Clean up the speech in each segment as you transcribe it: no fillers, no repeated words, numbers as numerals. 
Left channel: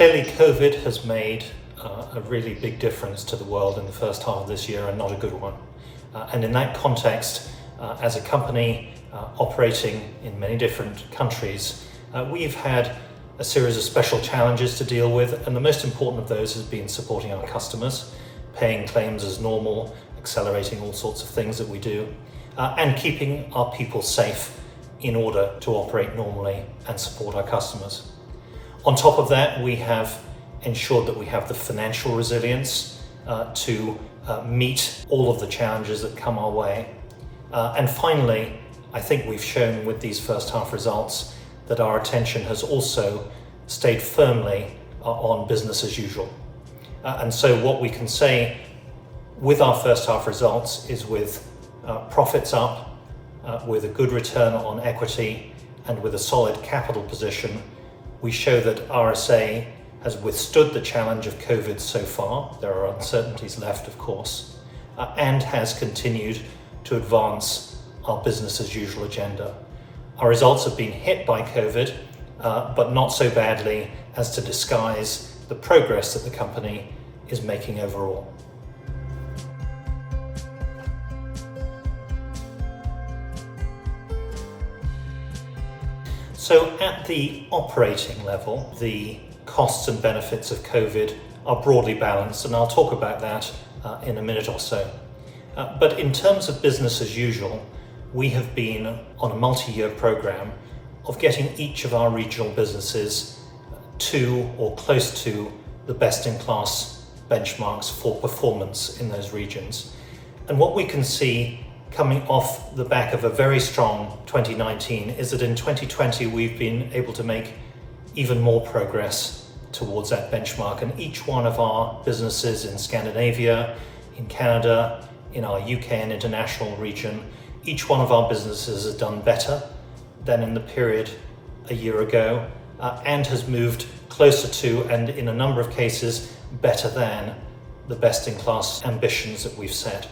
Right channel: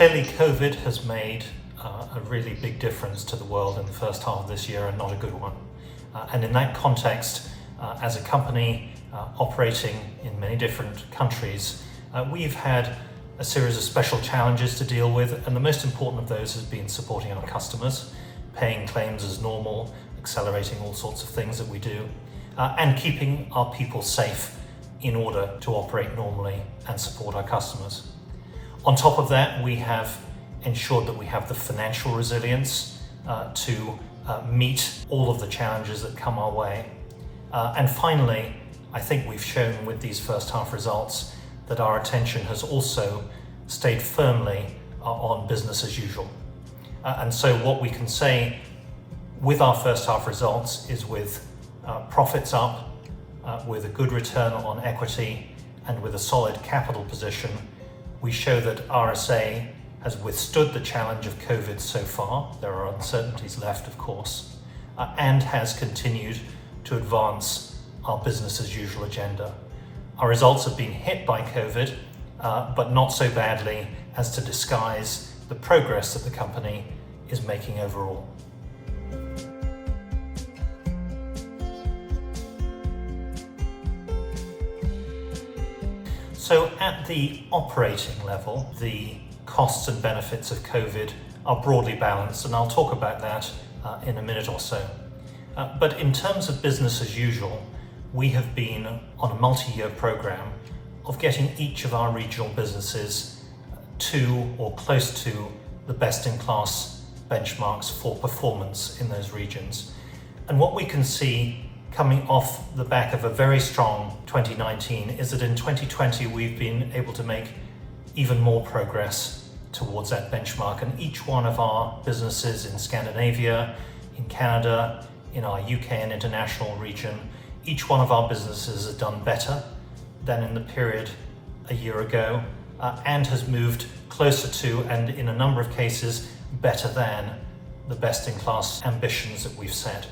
Clearly, COVID has made a really big difference to the world in the first half of this year, and not a good one. And in that context, as a company operating in many different countries, we've had a series of special challenges to deal with, and the most important of those has been supporting our customers, paying claims as normal, accelerating all sorts of things that we do, and keeping our people safe in order to operate normally and support our customers. On top of that, we have ensured that we have the financial resilience to meet all of the challenges that come our way. And finally, I think we've shown with these first half results that our attention has also stayed firmly on business as usual. And so what we can say with our first half results is with profits up, with a good return on equity, and with a solid capital position, we show that RSA has withstood the challenge of COVID so far. There are uncertainties left, of course, and has continued to advance our business as usual agenda. Our results have been hit by COVID, but not so badly as to disguise the progress that the company is making overall. So at the operating level, the costs and benefits of COVID are broadly balanced, and I'll talk about that in a minute or so. But in terms of business as usual, we have been on a multi-year program of getting each of our regional businesses to or close to the best-in-class benchmarks for performance in those regions. And what we can see coming off the back of a very strong 2019 is that in 2020 we've been able to make even more progress towards that benchmark, and each one of our businesses in Scandinavia, in Canada, in our UK and international region, each one of our businesses has done better than in the period a year ago, and has moved closer to, and in a number of cases, better than the best-in-class ambitions that we've set.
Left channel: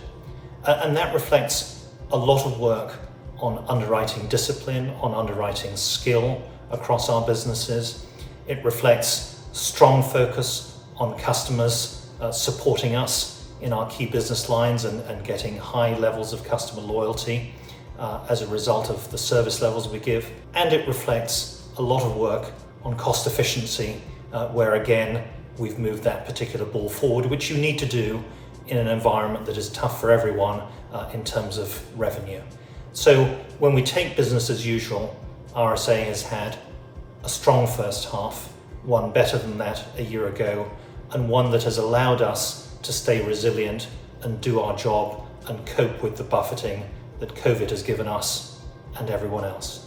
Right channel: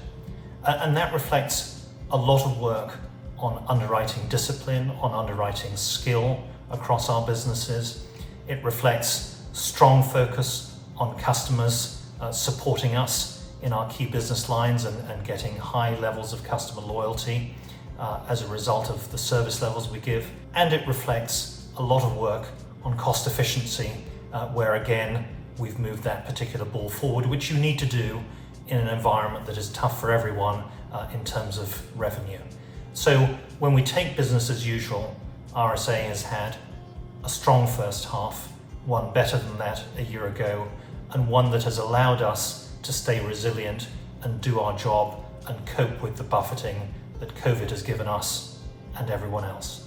And that reflects a lot of work on underwriting discipline, on underwriting skill across our businesses. It reflects strong focus on customers supporting us in our key business lines and getting high levels of customer loyalty as a result of the service levels we give. And it reflects a lot of work on cost efficiency, where again, we've moved that particular ball forward, which you need to do in an environment that is tough for everyone in terms of revenue. So when we take business as usual, RSA has had a strong first half, one better than that a year ago, and one that has allowed us to stay resilient and do our job and cope with the buffeting that COVID has given us and everyone else.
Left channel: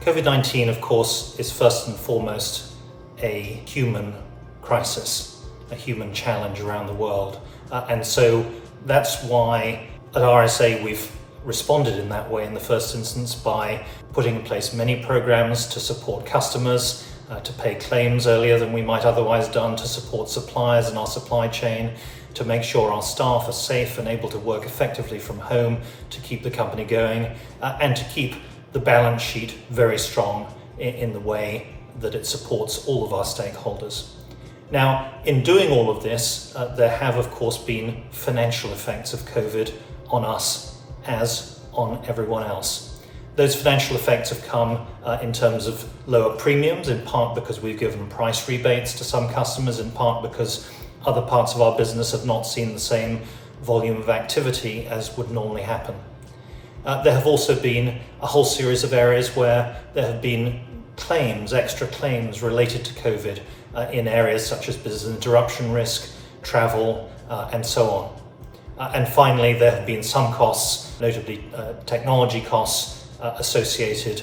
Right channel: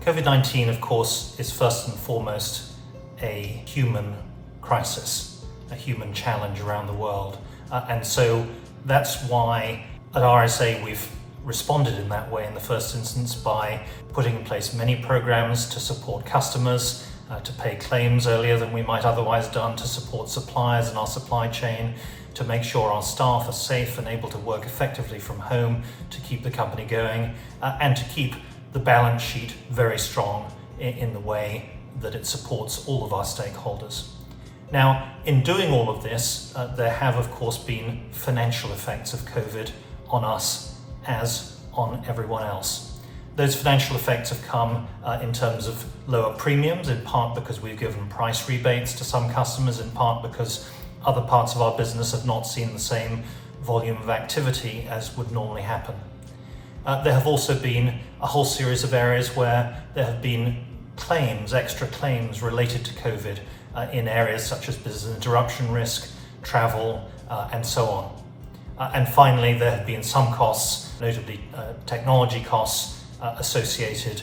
COVID-19, of course, is first and foremost a human crisis, a human challenge around the world. And so that's why at RSA we've responded in that way in the first instance by putting in place many programs to support customers, to pay claims earlier than we might otherwise done, to support suppliers in our supply chain, to make sure our staff are safe and able to work effectively from home to keep the company going, and to keep the balance sheet very strong in the way that it supports all of our stakeholders. Now, in doing all of this, there have of course been financial effects of COVID on us as on everyone else. Those financial effects have come in terms of lower premiums, in part because we've given price rebates to some customers, in part because other parts of our business have not seen the same volume of activity as would normally happen. There have also been a whole series of areas where there have been claims, extra claims related to COVID in areas such as business interruption risk, travel, and so on. And finally, there have been some costs, notably technology costs associated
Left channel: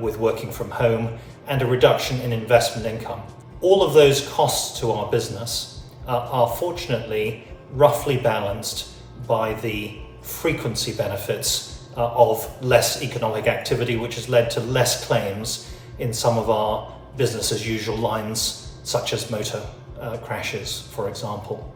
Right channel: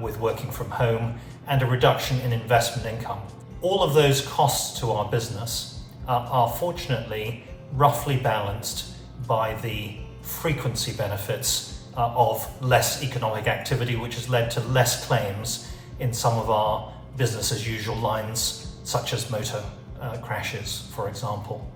with working from home, and a reduction in investment income. All of those costs to our business are fortunately roughly balanced by the frequency benefits of less economic activity, which has led to less claims in some of our business as usual lines, such as motor crashes, for example.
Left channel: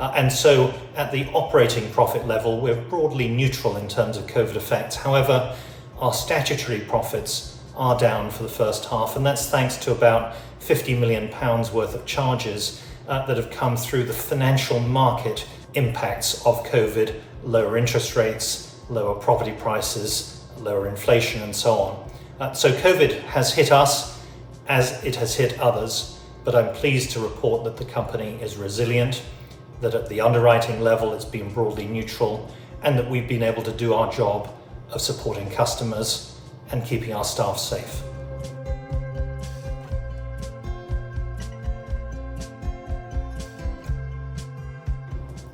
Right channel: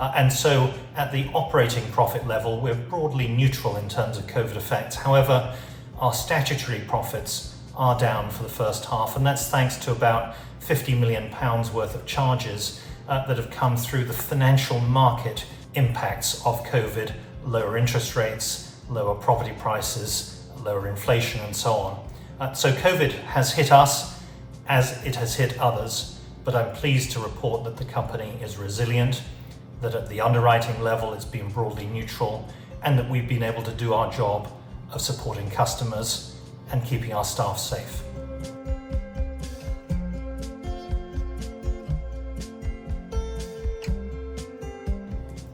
And so at the operating profit level, we're broadly neutral in terms of COVID effects. However, our statutory profits are down for the first half, and that's thanks to about £50 million worth of charges that have come through the financial market impacts of COVID, lower interest rates, lower property prices, lower inflation, and so on. So COVID has hit us as it has hit others, but I'm pleased to report that the company is resilient, that at the underwriting level it's been broadly neutral, and that we've been able to do our job of supporting customers and keeping our staff safe.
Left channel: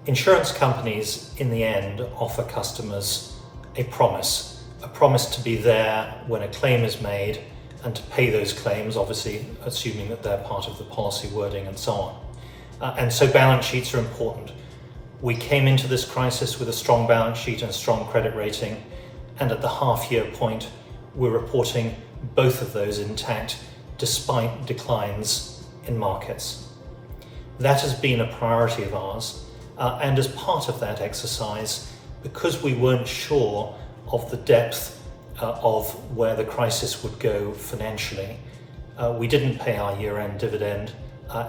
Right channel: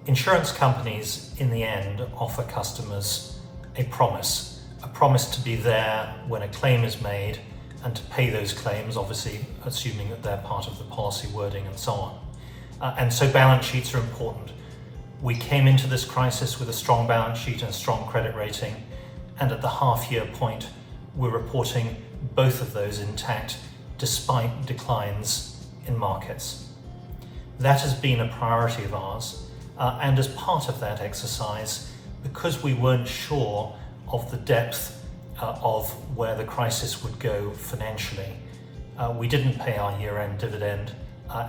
Insurance companies, in the end, offer customers a promise to be there when a claim is made and to pay those claims, obviously assuming that they're part of the policy wording and so on. And so balance sheets are important. We came into this crisis with a strong balance sheet and strong credit rating, and at the half-year point, we're reporting both of those intact despite declines in markets. That has been a priority of ours, and as part of that exercise, because we weren't sure of the depth of where the crisis would go financially, we didn't pay our year-end dividend,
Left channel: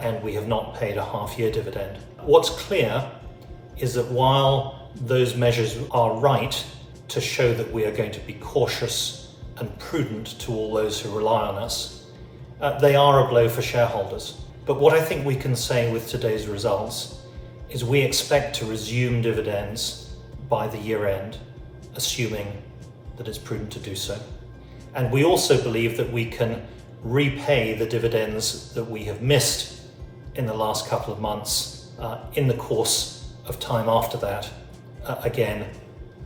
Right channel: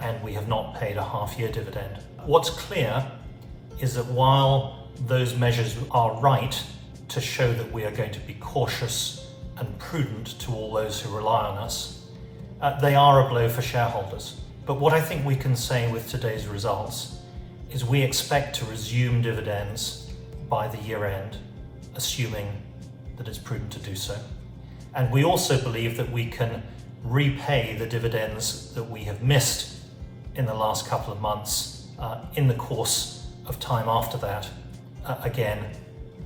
and we have not paid a half-year dividend. What's clear is that while those measures are right to show that we are going to be cautious and prudent to all those who rely on us, they are a blow for shareholders. But what I think we can say with today's results is we expect to resume dividends by the year end, assuming that it's prudent to do so. And we also believe that we can repay the dividends that we have missed in the last couple of months in the course of time after that, again,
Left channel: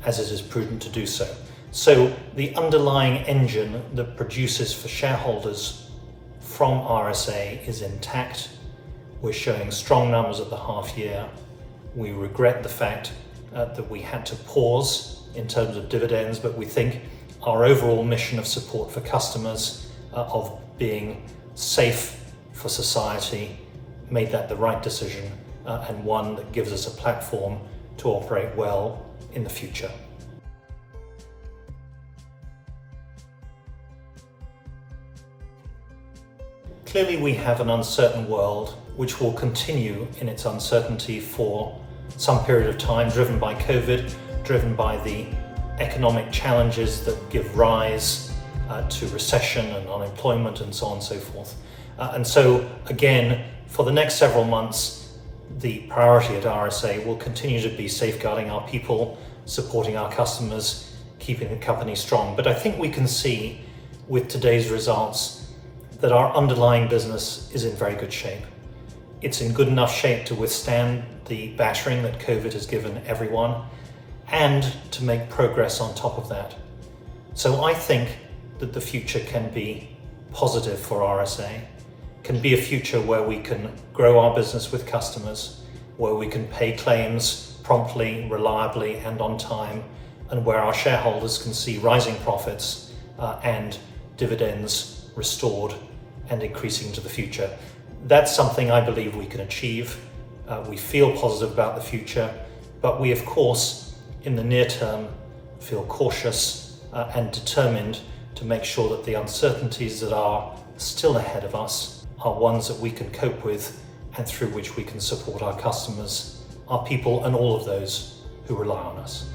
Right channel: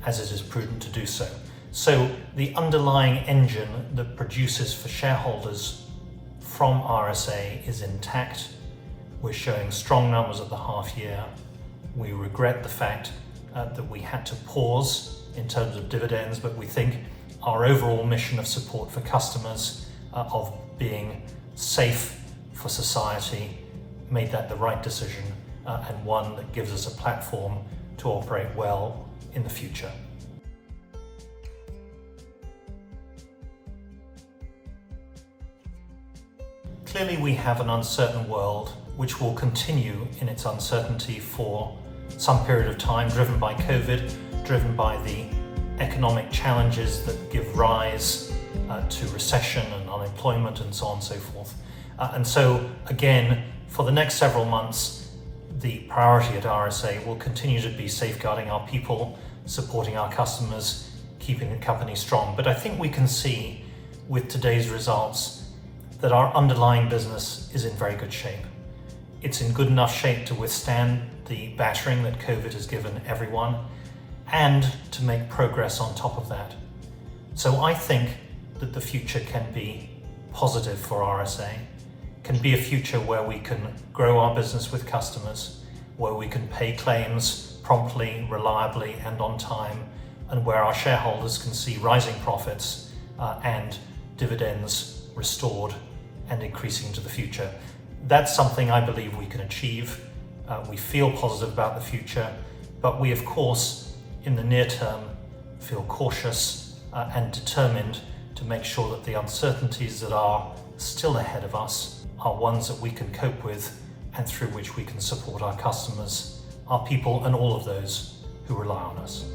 as it is prudent to do so. So the underlying engine that produces for shareholders from RSA is intact. We're showing strong numbers at the half year. We regret the fact that we had to pause in terms of dividends, but we think our overall mission of support for customers, of being safe for society, made that the right decision, and one that gives us a platform to operate well in the future. Clearly we have an uncertain world which will continue in its uncertainty for some period of time, driven by COVID, driven by the economic challenges that give rise to recession and unemployment and so on and so forth. And so again, for the next several months, the priority at RSA will continue to be safeguarding our people, supporting our customers, keeping the company strong. But I think we can see with today's results that our underlying business is in very good shape. It's in good enough shape to withstand the battering that COVID has given everyone and to make progress on top of that. So I think that the future can be positive for RSA, can be a future where we can grow our business with customers, where we can pay claims promptly, reliably, and on time, and where our shareholders can see rising profits and dividends restored and increasing into the future. That's something I believe we can achieve. We feel positive about the future, but we, of course, in the near term, feel cautious and determined to make sure that the uncertainties that are still ahead of us are ones that we can cope with and through which we can support our customers, our people, and all of those who rely on us.